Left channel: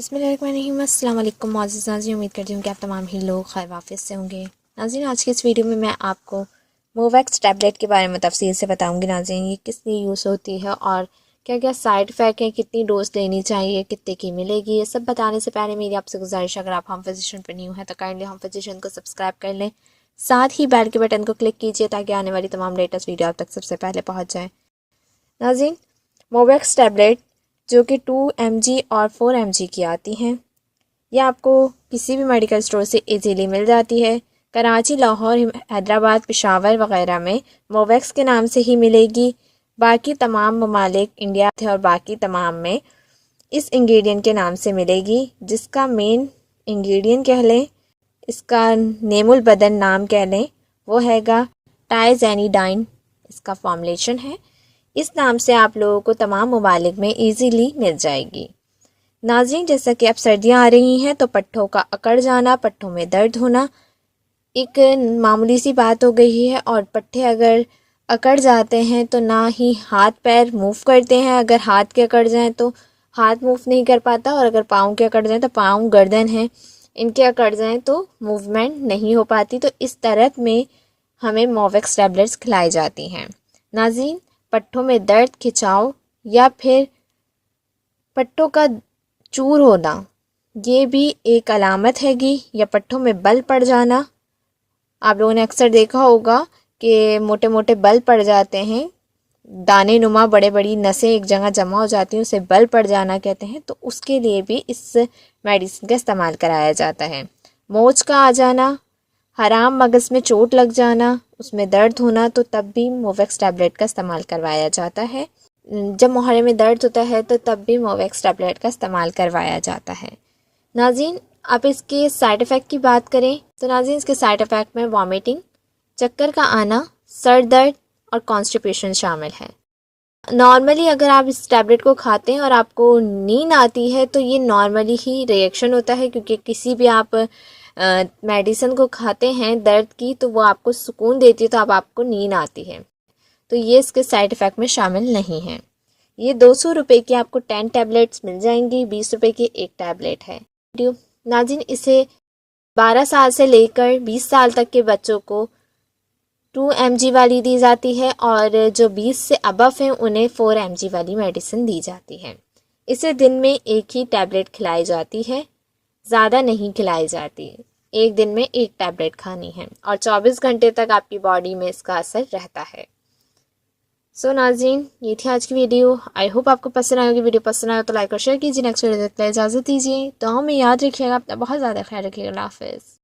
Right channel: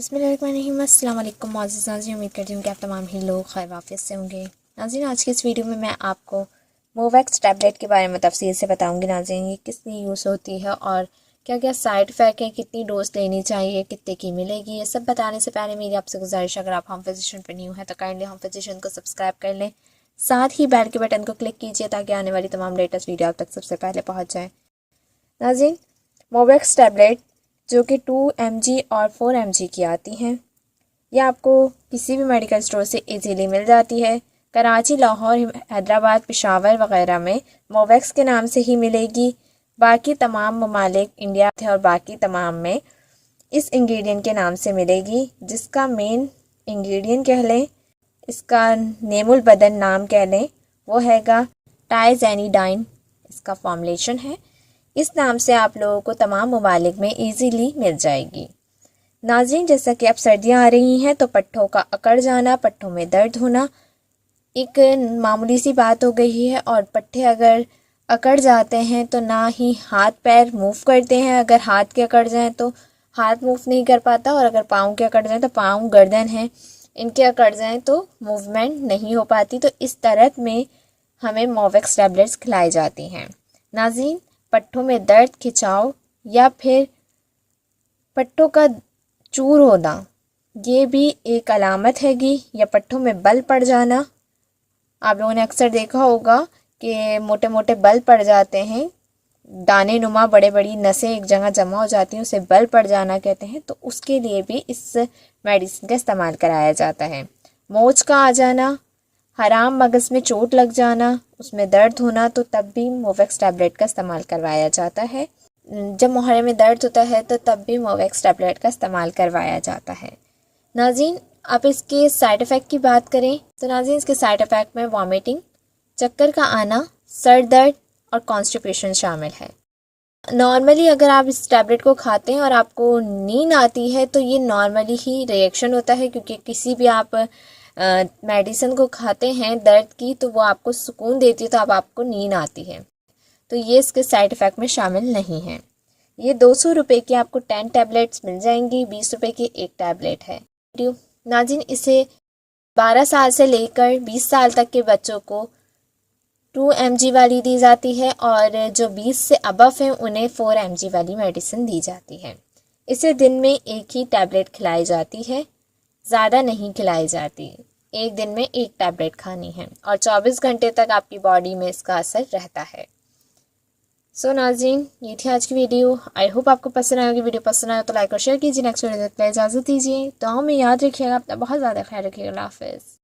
बिस्मिल्लाहिर्रहमानिर्रहीम। अस्सलाम वालेकुम मोअज़्ज़िज़ नाज़रीन, उम्मीद करती हूँ कि आप तमाम ही लोग खैर वाफियत से होंगे। नाज़रीन, आज की इस वीडियो में मैं आपको मोवैक्स टैबलेट के बारे में तफसील से बताऊँगी। नाज़रीन, ये किस लिए यूज़ होती है और क्या क्या साइड इफ़ेक्ट हैं, कितनी डोज लेनी चाहिए, कितने की मिलेगी, ये सब बताने से पहले मेरी आपसे गुजारिश, अगर आप हम फिजिशियन पर न्यू हैं तो काइंडली हम फिजिशियन को सब्सक्राइब कर लें, साथ ही बेल के बटन को क्लिक कीजिए ताकि आने वाली तमाम लेटेस्ट वीडियो आप तक सबसे पहले पहुँच जाए। नाज़रीन, मोवैक्स टैबलेट जो कि 2 mg और 4 mg की आती हैं, यह आपको किसी भी मेडिकल स्टोर से इजीली मिल जाती है। कराची, लाहौर, हैदराबाद, पेशावर वगैरह में मोवैक्स के नाम से ही मिलेगी। बाकी तमाम ममालिक इंडिया थे और बाकी तमाम में इस इंग्रेडिएंट के नाम से मिलेगी, जिसका मेन इंग्रेडिएंट कह लें, इसका नेमुल बदन नाम कह लें, वो हैगा टाइज़ेनिडाइन। इसका फॉर्मुलेशन है। इस नाम से आप लोगों को तमाम ममालिक में इजीली मिल जाएगी। नाज़रीन, जैसा कि अब सर्दियाँ आ रही हैं तो पट्ठों का अकड़ जाना, पट्ठों में दर्द होना एक मामूली सी बात हो गई है। और पट्ठे अगर अकड़ जाते हैं तो ना ही हाथ पैर मूव करते हैं। अगर हाथ के अकड़ जाएं तो हाथ मूव नहीं कर पाता, और अगर पाँव के अकड़ जाएं तो पाँव, गर्दन है, इनके अकड़ जाएं तो मूवमेंट नहीं हो पाती। तो इस तरह में हमें मोवैक्स टैबलेट्स खिलाई जाती हैं। नाज़रीन, पट्ठों में दर्द, खिंचाव या फिर पट्ठों का चूर होना, ये भी एक अलामत हैगी। या पट्ठों में बल पड़ जाना, आप लोगों ने अक्सर देखा होगा कि मोटे मोटे बल पड़ जाते हैं, दाने नुमा बड़े बड़ी नसें एक जगह जमा हो जाती हैं, उसे बल पड़ जाना कहते हैं। तो उसके लिए भी इस मेडिसिन का इस्तेमाल कराया जाता है। मोच का आ जाना, हराम मगज में चोट लग जाना, उसमें दर्द होना, तो तब भी मोवैक्स टैबलेट का इस्तेमाल करवाया जाता है। जब मुहारे में दर्द होता है तो तब भी मोवैक्स टैबलेट का इस्तेमाल करवाया जाता है। नाज़रीन, आप इसके साइड इफ़ेक्ट की बात करें तो नाज़रीन, इसके साइड इफ़ेक्ट में वॉमिटिंग, चक्कर का आना, सर दर्द और कॉन्स्टिपेशन शामिल है। नॉर्मली अगर आप इस टैबलेट को खाते हैं और आपको नींद आती है तो ये नॉर्मली ही रिएक्शन होता है, क्योंकि किसी भी आप मेडिसिन को खाते हैं दर्द की तो वो आपको सुकून देती है, तो अब आपको नींद आती है। तो ये इसके साइड इफ़ेक्ट में शामिल नहीं है। ये 200 रुपये की आपको 10 टैबलेट्स मिल जाएंगी, 20 रुपये की एक टैबलेट है। नाज़रीन, इसे 12 साल से लेकर 20 साल तक के बच्चों को 2 mg वाली दी जाती है, और जो 20 से अबव हैं उन्हें 4 mg वाली मेडिसिन दी जाती है। इसे दिन में एक ही टैबलेट खिलाई जाती है, ज़्यादा नहीं खिलाई जाती। एक दिन में एक टैबलेट खानी है और 24 घंटे तक आपकी बॉडी में इसका असर रहता है। सो नाज़रीन, ये थी आज की वीडियो। आई होप आपको पसंद आएगी। वीडियो पसंद आए तो लाइक और शेयर कीजिए। नेक्स्ट वीडियो देखते हैं, इजाज़त दीजिए। तो हमें याद रखिएगा, अपना बहुत ज़्यादा ख्याल रखिएगा। अल्लाह हाफ़िज़।